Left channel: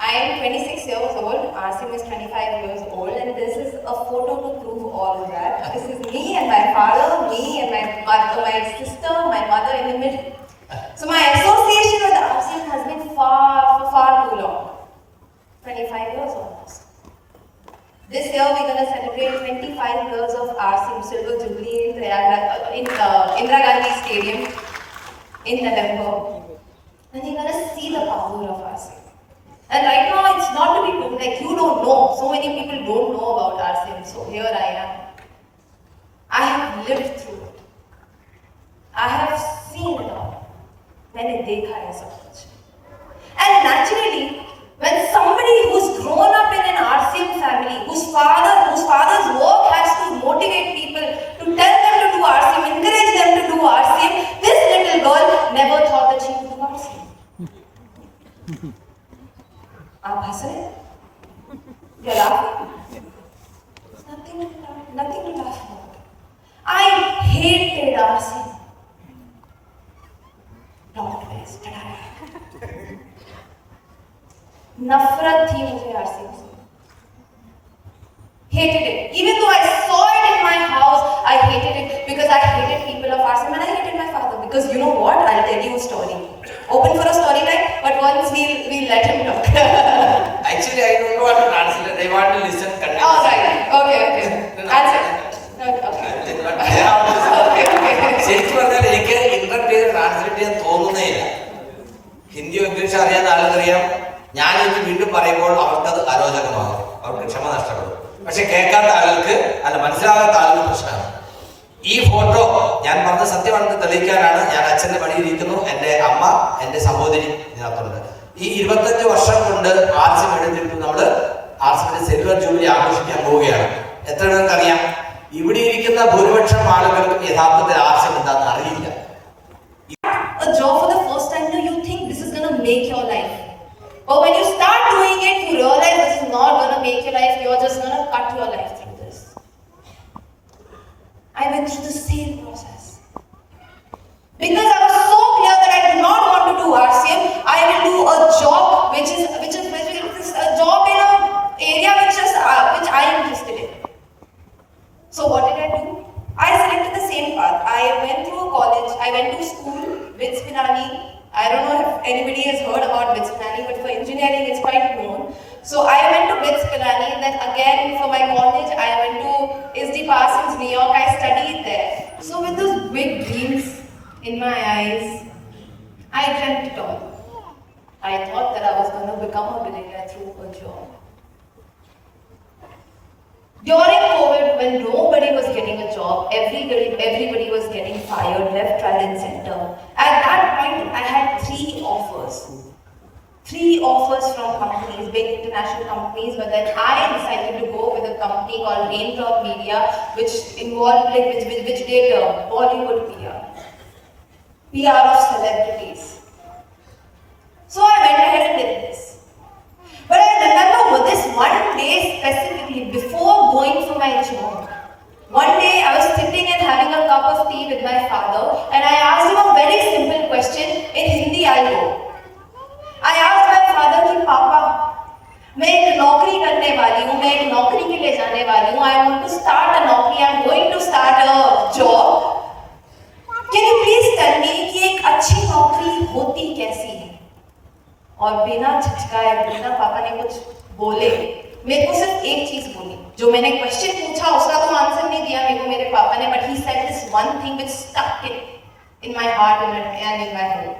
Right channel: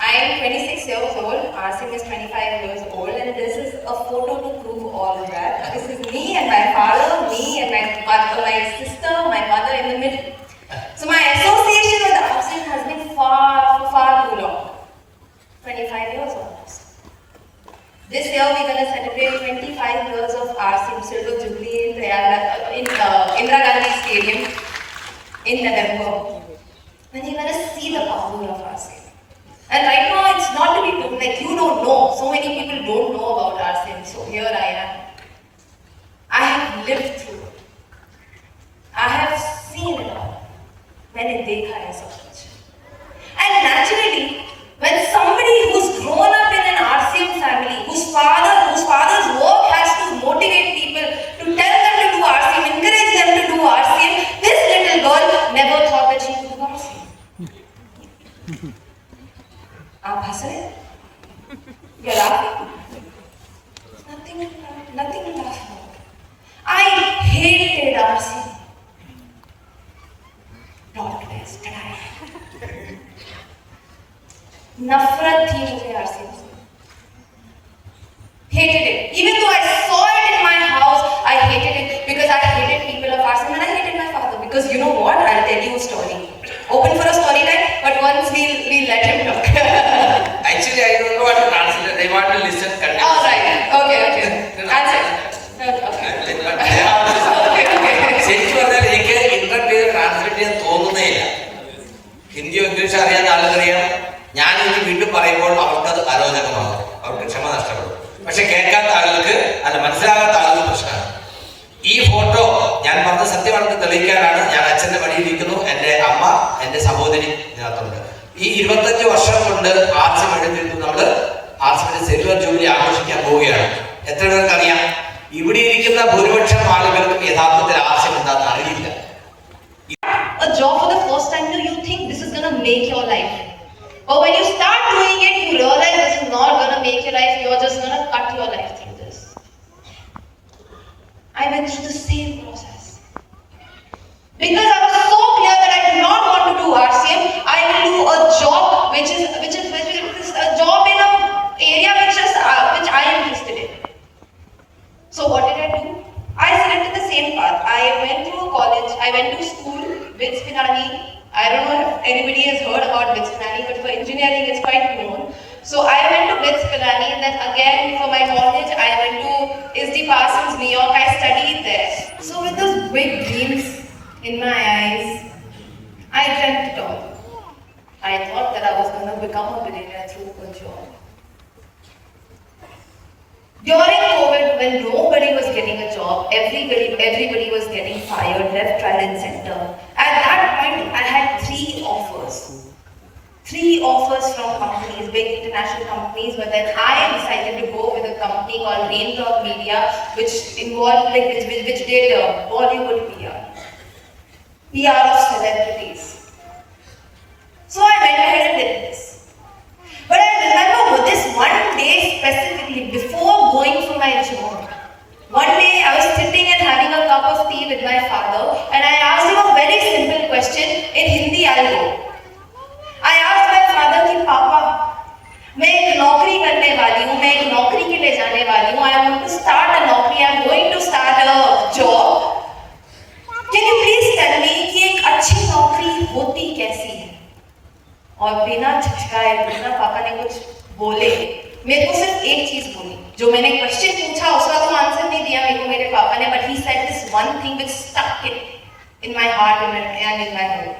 I am 26 years old, Rcm is 25 years old, and this is a photo to prove all of that. This is me and my father, me and my sister, my mother in the middle. So my association with Rcm has been far too long. 25 years almost. This year we're going to celebrate 25 years of Rcm Silver Jubilee in Indira Gandhi Stadium in November. And you're going to see the power of Rcm. And right now it's not to be told, like you don't know. So many people don't know about Rcm. So here I am. I have lived through it. I have seen it all. मैंने देखा है सब कुछ. And naturally, when somebody who's grown up in an Rcm family, whose father's work has to motivate people, to tell them to do Rcm, encourage them to do Rcm, this little girl never thought that she would do Rcm. आप हंस रहे हैं? You're laughing? Nothing to laugh about. I hated Rcm. नफरत थी मुझे Rcm से. Hated it. Even though I saw it in my house, I hated it because I hated people of Rcm and I hated my father. Because you know what? I'll tell you a story. Open for a story time, but once we'll let him talk. Actually, I don't know what to translate. They want to listen. Oh, right. Okay. That's it. ശരിക്കും പറഞ്ഞാൽ എനിക്ക് ഇത്ര പേര് translate ചെയ്യാൻ തോന്നുന്നേയില്ല. Hindi English അറിയാൻ ആളുകറിയാം. ഞാൻ ഇത് വീണ്ടും പറയുമ്പോൾ അവർക്കത് അരോചകമാകും, അവർക്ക് ക്ഷമ നഷ്ടപ്പെടും. പക്ഷെ കേൾക്കാത്ത ആളുകൾക്ക് അല്ല, മനസ്സിലാകാത്ത ആളുകൾ പ്രശ്നമാണ്. ഈ ഫോട്ടോ ഞാൻ പറഞ്ഞ സത്യമാണെന്ന് തെളിയിക്കാനാണ് ഞാൻ അച്ഛന്റെ വഴിയിരിക്കുന്നു. എൻ്റെ അമ്മ, എൻ്റെ സഹോദരി ഇതിനകത്തുണ്ട്. ഈ 25 വർഷം കൊണ്ട് Rcm എടുത്തിട്ട് നമ്മൾ Rcm സിൽവർ ജൂബിലി ആഘോഷിക്കാൻ പോവുകയാണ്. എത്ര പേർക്ക് അറിയാം? ഇവിടെ ഇരിക്കുന്ന ഭൂരിപക്ഷം ആളുകൾക്ക് യഥാർത്ഥത്തിൽ Rcm എന്താണെന്ന് അറിയില്ല. A job for the first time, you think this is going to make your life. But when you start doing it, you realize this is not going to make your life. You're just going to cut your life through this. I went through the same process. Because I was so clear that I do not want to do Rcm. I will do a job which is a job in an area which I am interested in. So what did I do? I selected the same path. I went through college. I went to school with Spinani. I don't know if anybody has heard about BITS Pilani, but for engineering it's quite known. So I went to BITS Pilani, and then again for my college I went to SD Parsons, New York. I studied there. So with those big dreams in my eyes, I dreamt it all. I thought that I was going to become a billionaire through a job. During COVID, when nobody was getting a job, everybody was getting fired, left, right and center. At that point, I had 3 offers. 3 offers from companies, big international companies, but then I decided to go with a company called Raindrop Media, which involved, which did Bollywood PR of celebrities. So I went ahead and did this. But I remember this one day specifically, before going for my job, one day I was sitting and having a cup of tea with my father, and I asked him a very simple question in Hindi. I asked my father कि पापा, मैं एक नौकरी करने वाली हूँ, मैं एक नौकरी के लिए जाने वाली हूँ. I want to start a नौकरी. I am going to start a job. Can you please tell me कि एक अच्छी नौकरी होती कैसी है? और बिना झिझकाए, बिना पापा ने कुछ बोले, मेरे को सिर्फ एक चीज बोली. जो मैंने क्वेश्चन पूछा उसका तो आंसर नहीं दिया मेरे को मेरे पापा ने, but he said this one thing which stuck in my heart and in my head,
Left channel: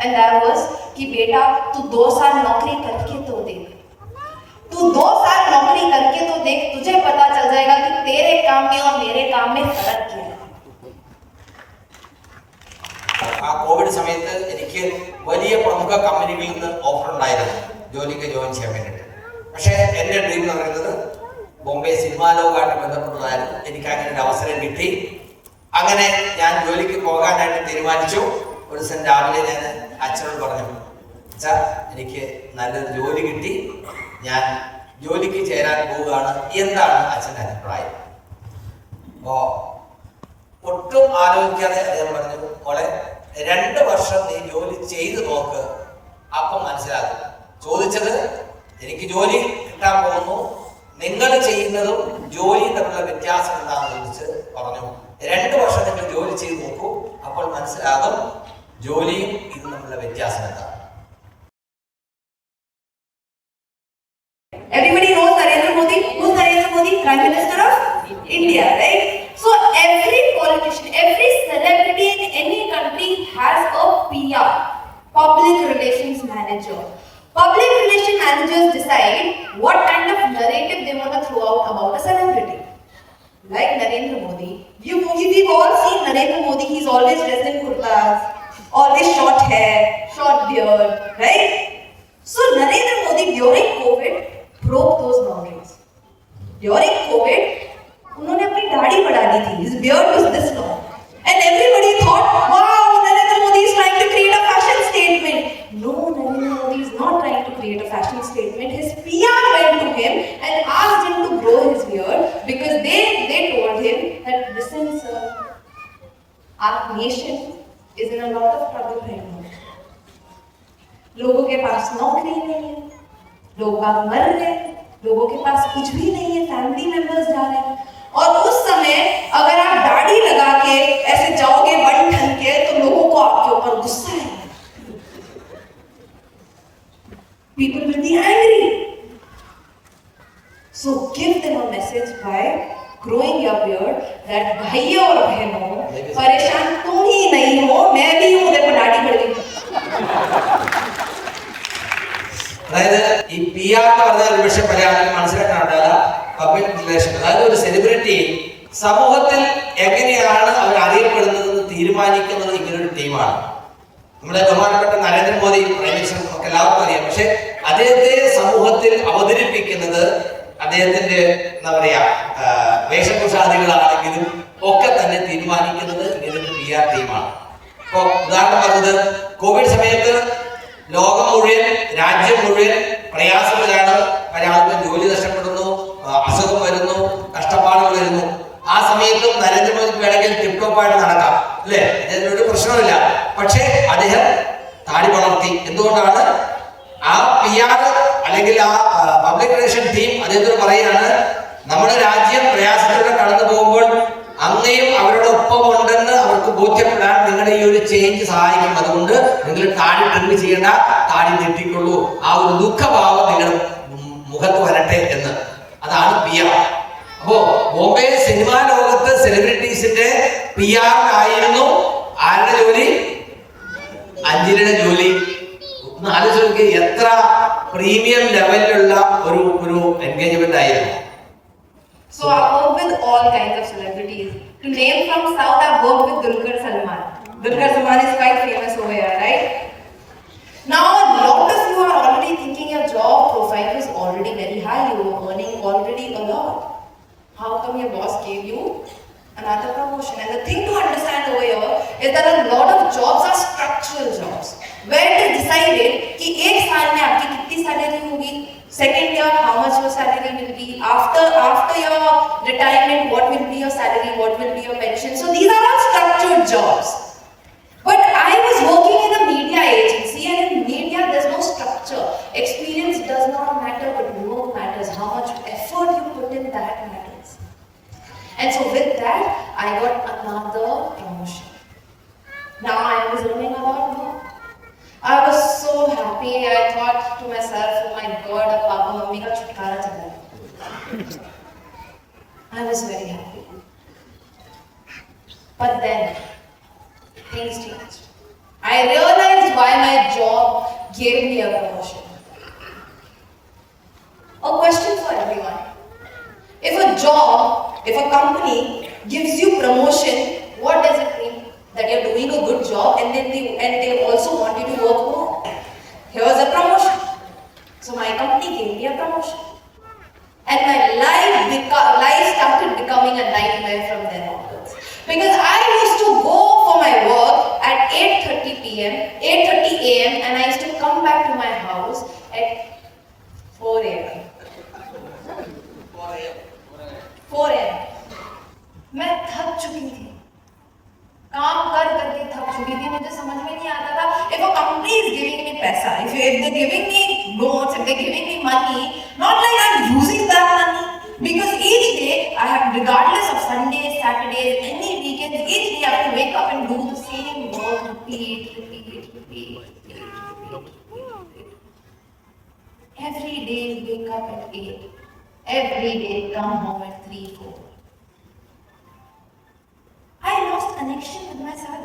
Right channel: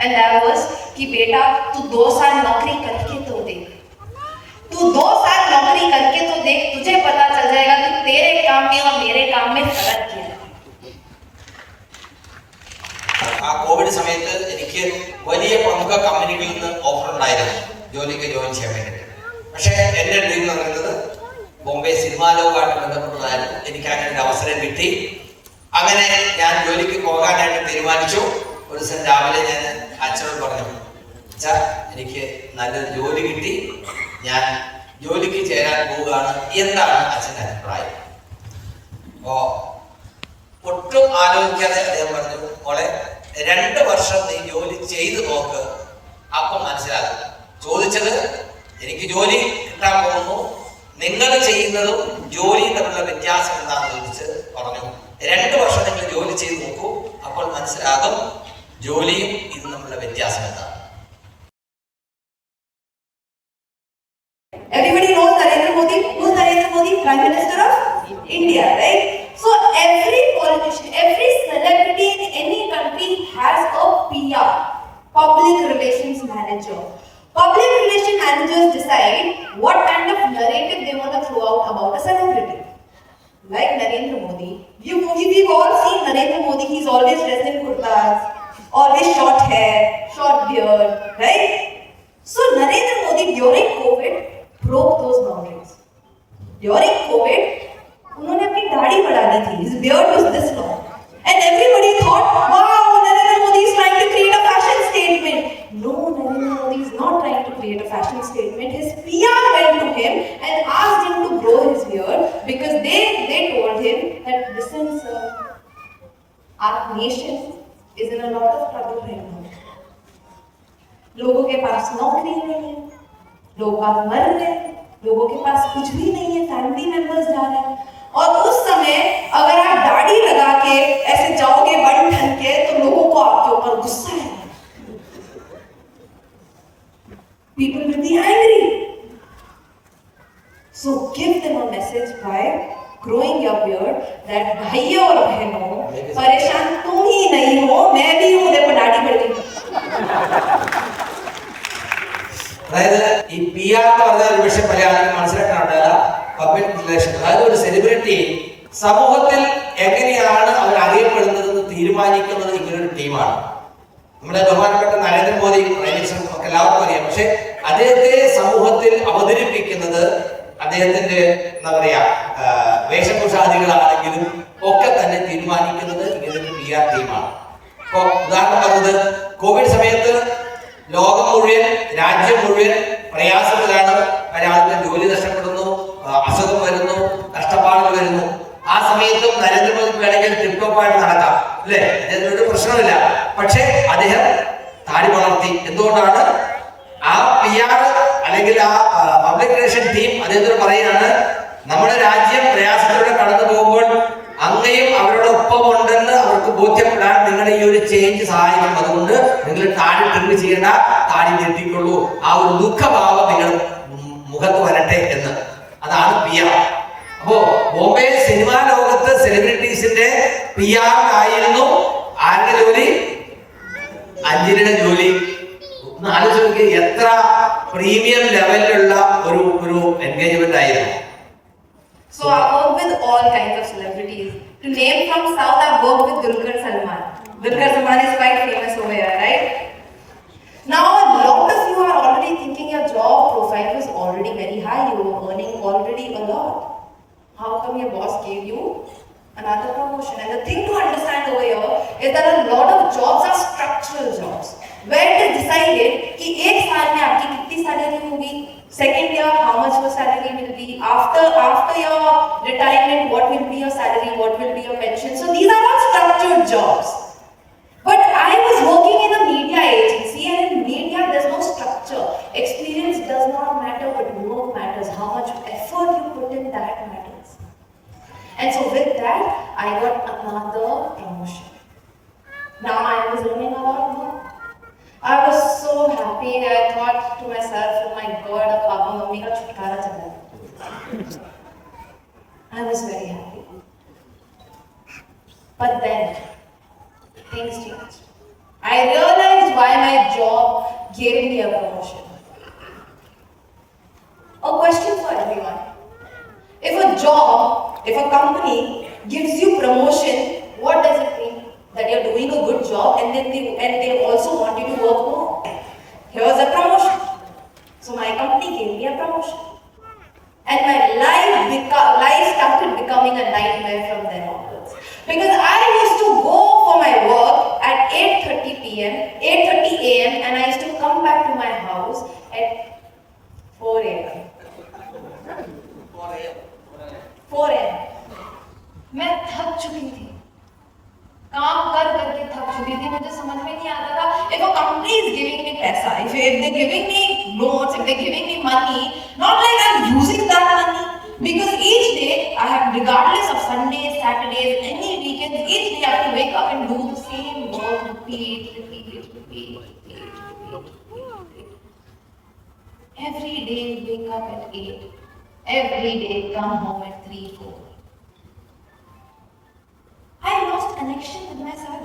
and that was कि बेटा तू 2 साल नौकरी करके तो देख, तू 2 साल नौकरी करके तो देख, तुझे पता चल जाएगा कि तेरे काम में और मेरे काम में फर्क क्या है. ആ കോവിഡ് സമയത്ത് എനിക്ക് വലിയ പ്രമുഖ കമ്പനികളിൽ നിന്ന് ഓഫർ ഉണ്ടായിരുന്നു ജോയിൻ ചെയ്യാൻ വേണ്ടിയിട്ട്. പക്ഷേ എൻ്റെ ഡ്രീം എന്ന് പറയുന്നത് ബോംബെ സിനിമാ ലോകമായിട്ട് ബന്ധപ്പെട്ടതായിരുന്നു. എനിക്ക് അങ്ങനെ ഒരു അവസരം കിട്ടി. അങ്ങനെ ഞാൻ ജോലിക്ക് പോകാനായിട്ട് തീരുമാനിച്ചു. ഒരു ദിവസം രാവിലെ ഞാൻ അച്ഛനോട് പറഞ്ഞു, അച്ഛാ എനിക്ക് നല്ലൊരു ജോലി കിട്ടി, ഞാൻ ജോലിക്ക് ചേരാൻ പോവുകയാണ്, എന്താണ് അച്ഛൻ്റെ അഭിപ്രായം? അപ്പോൾ ഒട്ടും ആലോചിക്കാതെ അദ്ദേഹം പറഞ്ഞു, മോളെ 2 വർഷം നീ ജോലി ചെയ്തു നോക്ക്, അപ്പം മനസ്സിലാകും. ചോദിച്ചത് എനിക്ക് ജോലി കിട്ടാൻ പോകുന്നു, നിങ്ങൾ ചെയ്യുന്നതും ജോലിയും തമ്മിലുള്ള വ്യത്യാസം എന്താണെന്ന് ചോദിച്ച് പറഞ്ഞു. 2 വർഷം നിങ്ങൾ ജോലി ചെയ്ത് നോക്കൂ, അപ്പോൾ മനസ്സിലാകും ജോലിയും ഇത് തമ്മിലുള്ള വ്യത്യാസം എന്താണ്. Everybody knows Narendra Modi. Who's Narendra Modi? Prime Minister of India, right? So every politician, every celebrity in any country has a PR, public relations manager. Public relations managers decide what kind of narrative they want to throw out about a celebrity. Like Narendra Modi. We've all seen Narendra Modi. He's always dressed in kurtas, always short hair, short beard, right? So Narendra Modi during COVID broke those boundaries. During COVID, उन्होंने अपनी दाढ़ी बढ़ा दी थी. His beard was this long, and everybody thought, "Wow, Narendra Modi is trying to create a fashion statement." No, Narendra Modi is not trying to create a fashion statement. His PR went to him and asked him to grow his beard because they told him that, "Listen, sir, our nation is in a lot of trouble right now. लोगों के पास नौकरी नहीं है, लोग मर रहे, लोगों के पास कुछ भी नहीं है, फैमिली मेंबर्स जा रहे हैं, और उस समय अगर आप दाढ़ी लगा के ऐसे जाओगे बन ठन के तो लोगों को आपके ऊपर गुस्सा है. People will be angry. So give them a message by growing your beard that भैया और बहनों परेशान तुम ही नहीं हो, मैं भी हूँ, देखो दाढ़ी बढ़ गई. അതായത് ഈ PR എന്ന് പറഞ്ഞാൽ പക്ഷെ പല ആൾക്കും മനസ്സിലാക്കാറില്ല. പബ്ലിക് റിലേഷൻ, അതായത് ഒരു സെലിബ്രിറ്റി സമൂഹത്തിൽ എങ്ങനെയാണ് അവർ അറിയപ്പെടുന്നതെന്ന് തീരുമാനിക്കുന്നത് ഇങ്ങനൊരു ടീമാണ്. നമ്മുടെ ബഹുമാനപ്പെട്ട നരേന്ദ്രമോദി നമുക്ക് എല്ലാവർക്കും അറിയാം. പക്ഷെ അദ്ദേഹത്തെ സമൂഹത്തിൽ അവതരിപ്പിക്കുന്നത് അദ്ദേഹത്തിന്റെ എന്താ പറയാ വേഷഭൂഷാദികളാണെങ്കിലും ഒക്കെ തന്നെ തീരുമാനിക്കുന്നത് ഇങ്ങനൊരു PR ടീമാണ്. ഇപ്പൊ ഉദാഹരണം പറഞ്ഞത് കോവിഡ് സമയത്ത് ലോകം മുഴുവൻ, രാജ്യം മുഴുവൻ പ്രയാസത്തിലാണ്. പല ആൾക്കും ജോലി നഷ്ടപ്പെടുന്നു, അസുഖം വരുന്നു, കഷ്ടപ്പാടുകൾ വരുന്നു. ആ സമയത്തും നരേന്ദ്രമോദിക്ക് വേണമെങ്കിൽ ടിപ്ടോപ്പായിട്ട് നടക്കാം, അല്ലേ? അതിനൊരു പ്രശ്നമില്ല. പക്ഷേ അദ്ദേഹം താടി വളർത്തി. എന്തുകൊണ്ടാണ്? ആ PR അല്ലെങ്കിൽ ആ പബ്ലിക് റിലേഷൻ ടീം അദ്ദേഹത്തോട് പറയാണ്, നമ്മുടെ രാജ്യം പ്രയാസത്തിലൂടെ കടന്നു പോകുമ്പോൾ അങ്ങനെയും അവരുടെ ഒപ്പം ഉണ്ടെന്ന് അവർക്ക് ബോധ്യപ്പെടാൻ നിങ്ങളുടെ ഈ ഒരു ചേഞ്ച് സഹായിക്കും. അതുകൊണ്ട് നിങ്ങൾ താടി ട്രിപ്പ് ചെയ്യേണ്ട, താടി തെറ്റിക്കൊള്ളൂ, ആ ഒരു ദുഃഖഭാവം നിങ്ങളുടെ മുഖത്ത് വരട്ടെ എന്ന്. അതാണ് PR. അപ്പോ ബോംബെ സിനിമാ ലോകത്ത് സെലിബ്രിറ്റീസിന്റെ PR ആയിരുന്നു ആരുടെ ജോലി? അഞ്ജലിയുടെ ജോലി. ഒന്ന് ആലോചിച്ച് നോക്കി, എത്ര പ്രീമിയം ലെവലിലുള്ള ഒരു എൻഗേജ്മെന്റ് ആയിരുന്നു. So I work with all kinds of celebrities. To name from South, I work with Dulquer Salman. Dulquer Salman is quite famous over here, right? Now, a lot of you are already thinking your job profile is already very high. You are earning already a lot. How come your boss gave you another promotion? And the thing to understand over here is that a lot of jobs are structural jobs, where it is decided कि एक साल में आपकी कितनी salary होगी, second year how much your salary will be, after your retirement what will be your salary, what will be your pension. So these are all structured jobs. But I was working in a media agency, and in media there's no structure. Experience does not matter, but work matters. How much effort you put in, that matters. And so with that, I got another promotion. Now I was learning about work. I was so happy. I thought to myself, "Oh my God, अब papa mummy का छुटकारा चला है." I was very happy. But then things changed. I realized why my job gave me a promotion. A question for everyone: if a company gives you promotion, what does it mean? That you're doing a good job, and they also want you to work more. Here's a promotion. So my company gave me a promotion, and my life started becoming a nightmare from then onwards. Because I used to go for my work at 8:30 a.m. and I used to come back to my house at 4 a.m. 4 a.m. मैं थक चुकी थी, काम कर करके थक चुकी थी. मुझे समझ में नहीं आता था, if a company is giving me पैसा, if they're giving me loans, if they're giving me money, do the same work, repeat. Every day wake up at 8. Every day come home at 3, 4. I lost connection with myself.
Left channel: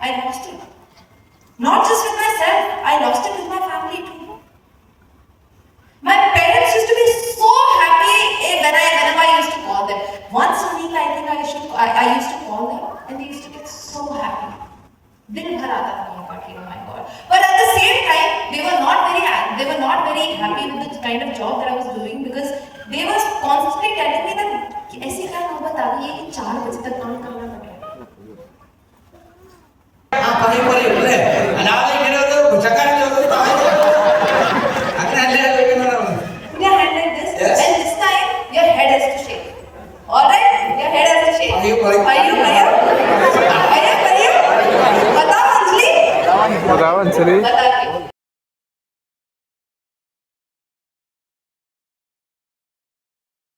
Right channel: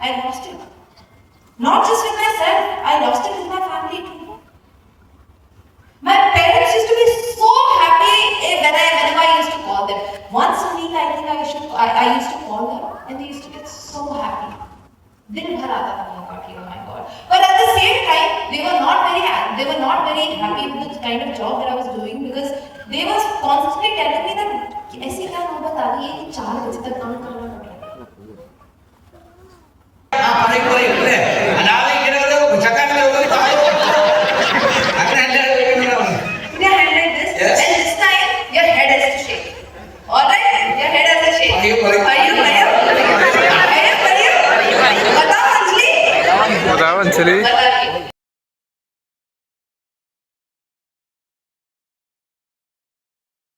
I lost it. Not just with myself, I lost it with my family too. My parents used to be so happy whenever I used to call them. Once a week, I think I used to call them, and they used to get so happy. Din bhar aata tha mera party, oh my God. But at the same time, they were not very happy with the kind of job that I was doing, because they were constantly telling me that ऐसी क्या नौबत आ गई है कि 4 बजे तक काम करना पड़ रहा है. Anjali.